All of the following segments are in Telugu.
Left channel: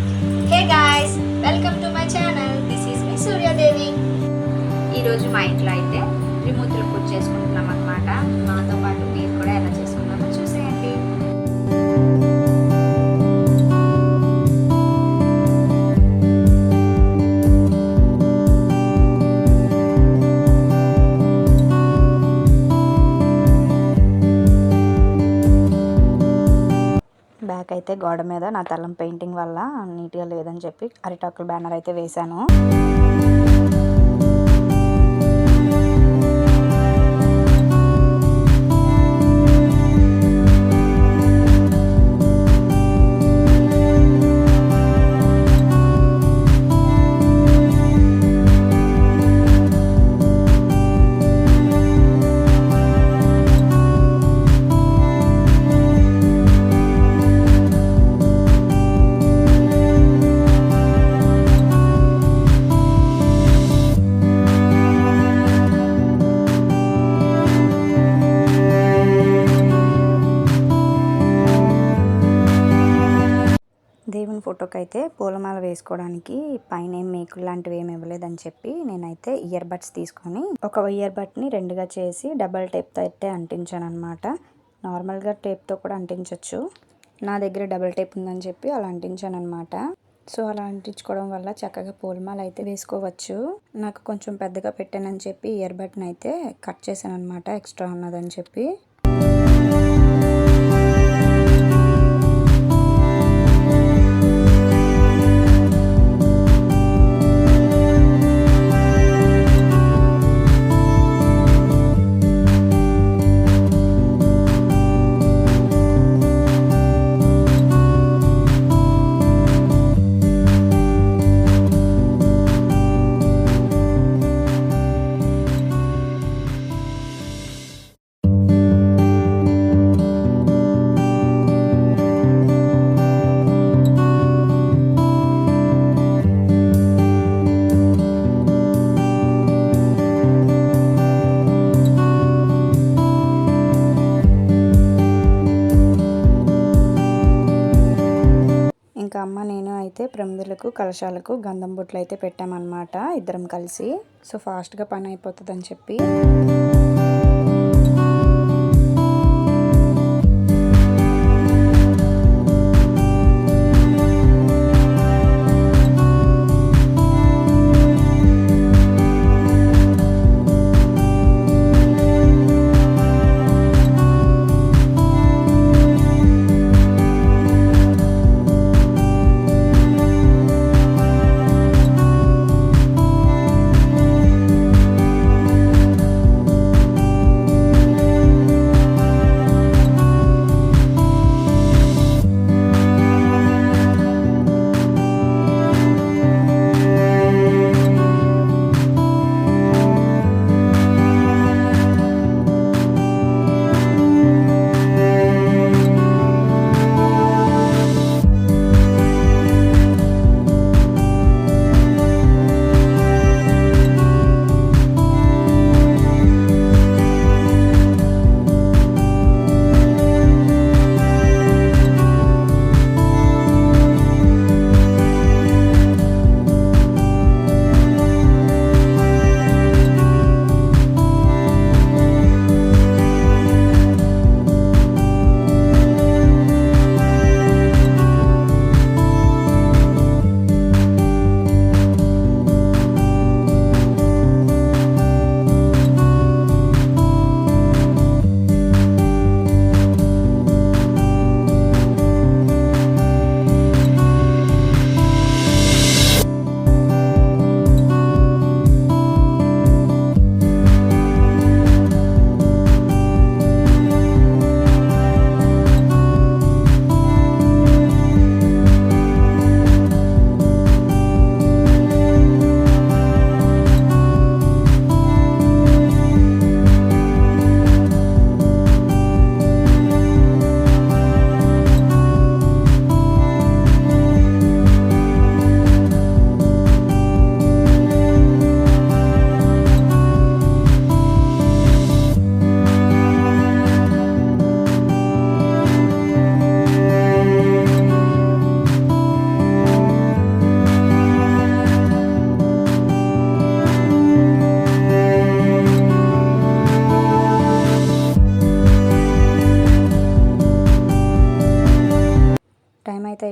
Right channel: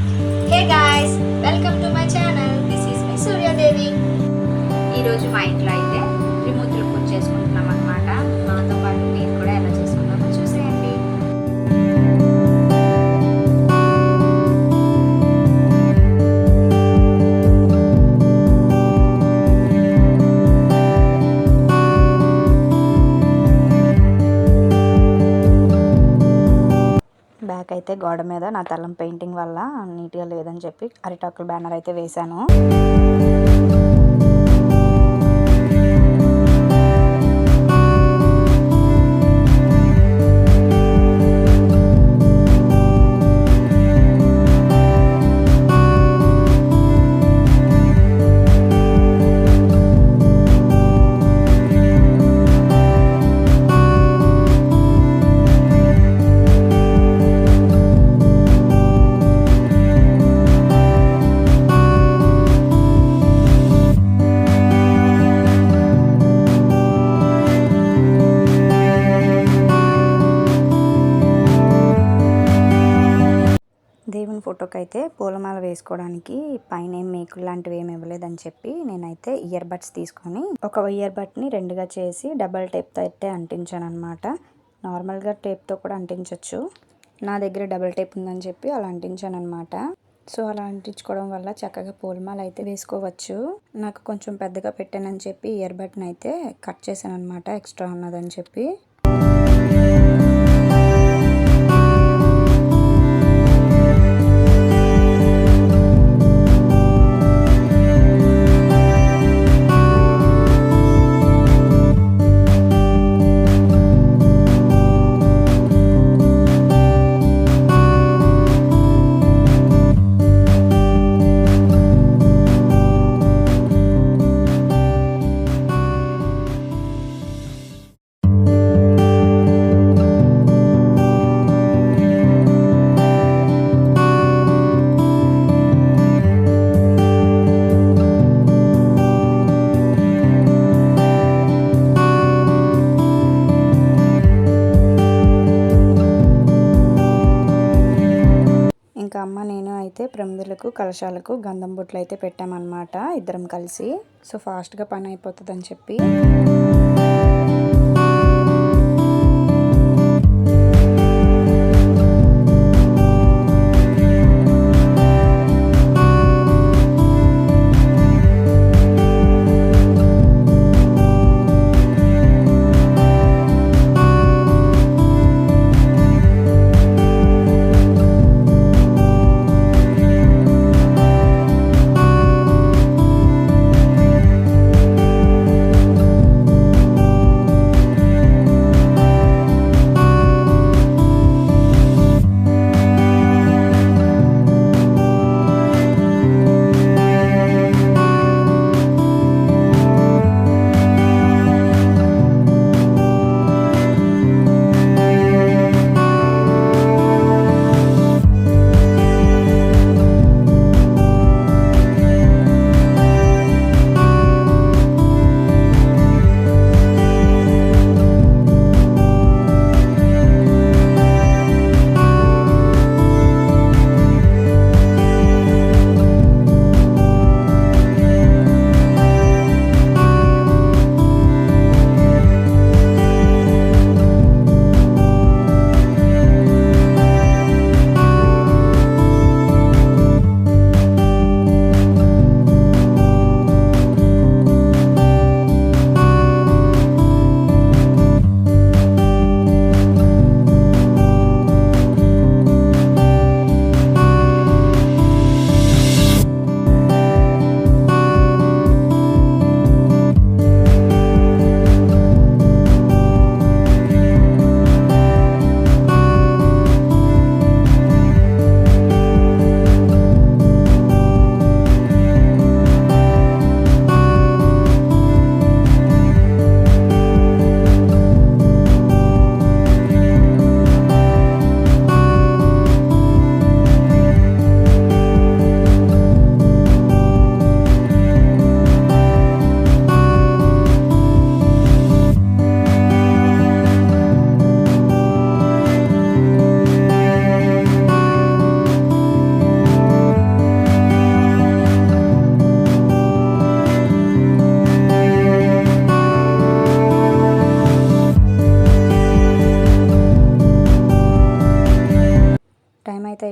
Hey guys, welcome to my channel. This is me Surya Devi. ఈరోజు మా ఇంట్లో అయితే త్రిమూర్తుల పూజ చేసుకుంటున్నాం అనమాట. మాతో పాటు మీరు కూడా ఎలా చేసుకున్నామో చూసేయండి. బ్యాక్ అయితే గోడ మీద నా తలం పెయింటింగ్ వల్ల నీట్గా లేదని చెప్పి అరిటాకుల బ్యానర్ అయితే వేశాను. దేవుని ఫోటోకి అయితే పూలమాల వేసుకోవడానికి పైన ఏం మేకులు లాంటివి ఏమి ఇవ్వలేదని చెప్పి నేనైతే ఇయర్ బడ్స్ తీసుకొని ఒక ఇయర్ బడ్ని రెండుగా చేసి డబల్ టేప్తో అయితే అంటించాను అనమాట. నార్మల్గా టేప్తో కూడా అంటించవచ్చు, నా దగ్గర డబల్ టేప్ ఉందని చెప్పి అలా అంటించాను అనమాట. సో అలా అంటించుకోవడం వల్ల చక్కగా పూలమాల అయితే వేసుకోవచ్చు. నాకు కొంచెం పెద్దగా పెట్టానని చెప్పి ఇయర్ బడ్ని అయితే కట్ చేశాను అనమాట, ఎక్స్ట్రా ఉన్నదని చెప్పి. ఇంకా అమ్మ నేను అయితే ప్రమిదలకు కలశాలకు గంధం బొట్లు అయితే పెట్టామన్నమాట ఇద్దరం కలిసి. సో ఫాస్ట్గా పని అయిపోతుందని చెప్పి.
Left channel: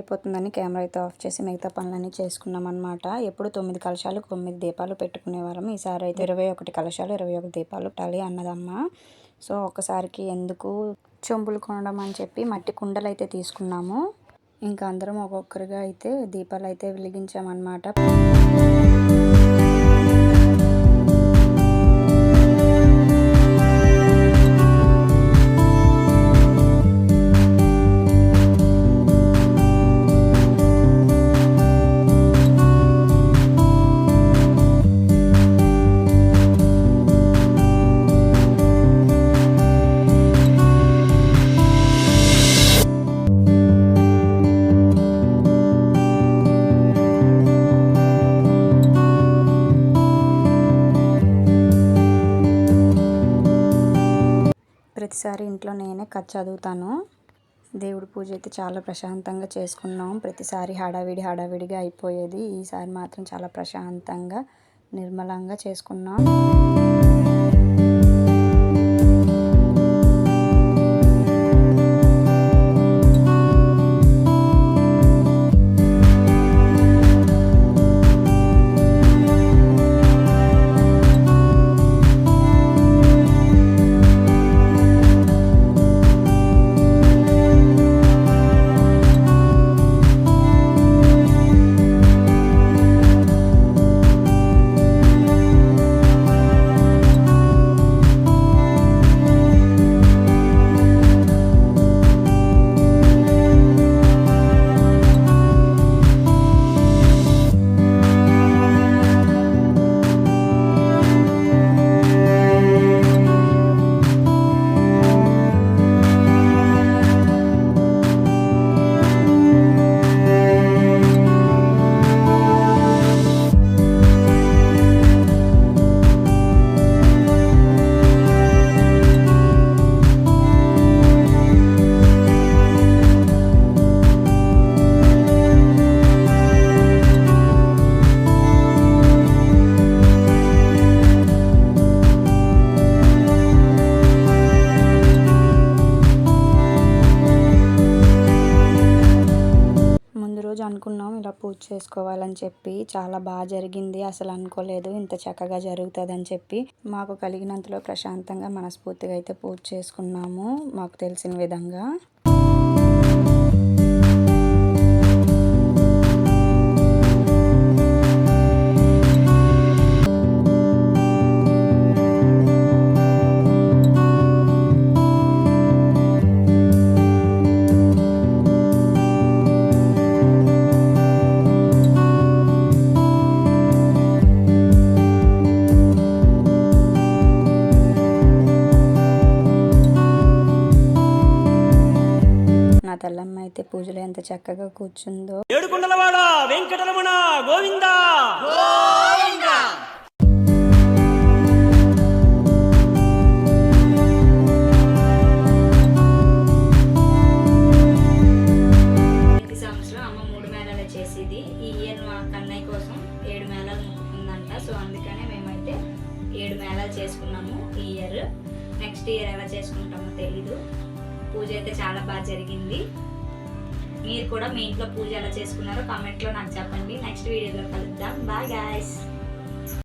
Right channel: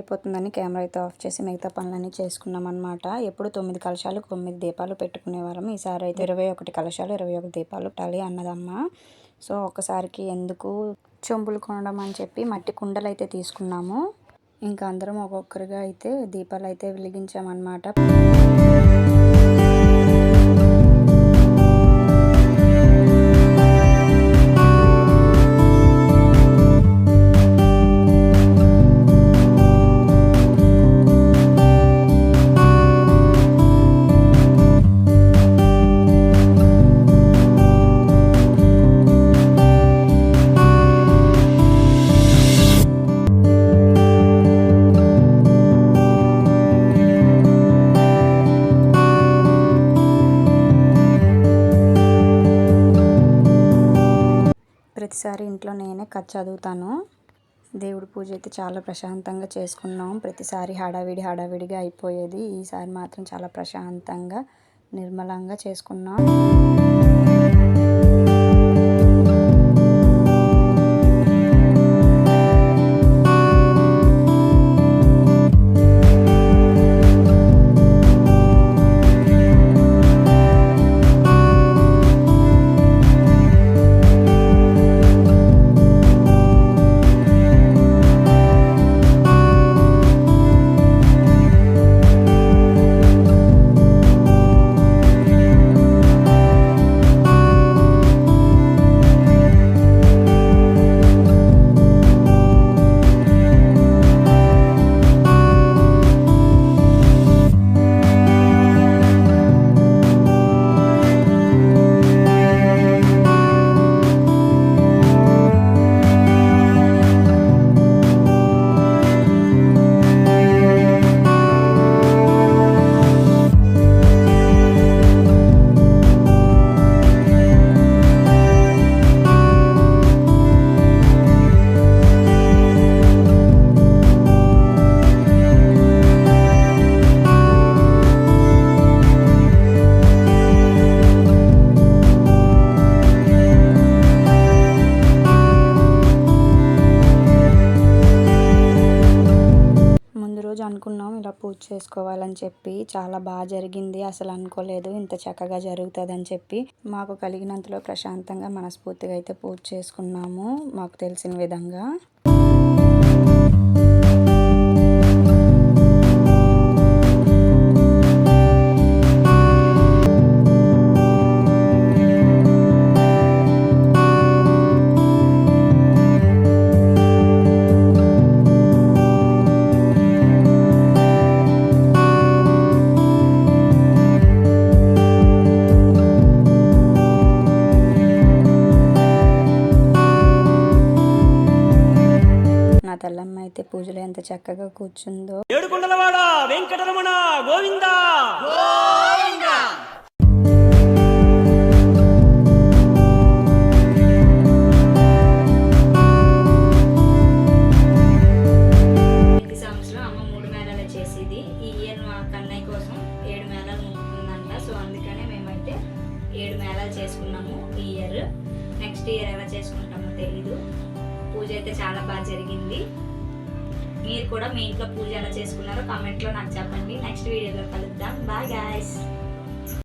అయిపోతుందని కెమెరా అయితే ఆఫ్ చేసి మిగతా పనులన్నీ చేసుకున్నాం అనమాట. ఎప్పుడు 9 కలశాలు 9 దీపాలు పెట్టుకునేవాళ్ళం. ఈసారి అయితే 21 కలశాలు 21 దీపాలు పెట్టాలి అన్నదమ్మ. సో ఒక్కసారికి ఎందుకు చెంబులు కొనడం అని చెప్పి మట్టి కుండలు అయితే తీసుకున్నాము. ఇంకా అందరం ఒక్కొక్కరిగా అయితే దీపాలు అయితే వెలిగించామన్నమాట. ప్రతిసారి ఇంట్లో నేనే కథ చదువుతాను. దేవుడి పూజ అయితే చాలా ప్రశాంతంగా చేసుకున్నాం. ప్రతిసారి హడావిడిగా అయిపోయేది. ఈసారి మాత్రం చాలా ప్రశాంతంగా నిర్మలంగా చేసుకున్నాం. అనుకున్నాం ఇలా పూజ చేసుకోవాలని చెప్పి. చాలా బాగా జరిగింది. అసలు అనుకోలేదు ఇంత చక్కగా జరుగుతుందని చెప్పి. మాకు కలిగినంతలో ప్రశాంతంగా మనస్ఫూర్తిగా అయితే పూజ చేసుకున్నాము మాకు తెలిసిన విధంగా. నా తల్లమ్మ అయితే పూజలో ఎంత చక్కగా కూర్చుందో. ఏడుకొండలవాడ వెంకటరమణ గోవిందా. ప్రతి సంవత్సరం అమ్మ 3 మేళాలు చేసేది. ఈ ఇయర్ మా కన్నయ్య కోసం 7 మేళాలు మొక్కుకుందంట. సో అందుకనే మేమైతే 7 మేళాలు చేసుకున్నాము ఈ ఇయర్. నెక్స్ట్ ఇయర్ ఎలా చేసుకుంటామో తెలీదు. పూజ అయితే చాలా బాగా జరిగింది. మీరు కూడా మీ ఇంట్లో పూజ ఎలా చేసుకున్నారో కామెంట్లో నాకు చెప్పండి. నెక్స్ట్ వీడియోలో కలుద్దాం. Bye guys.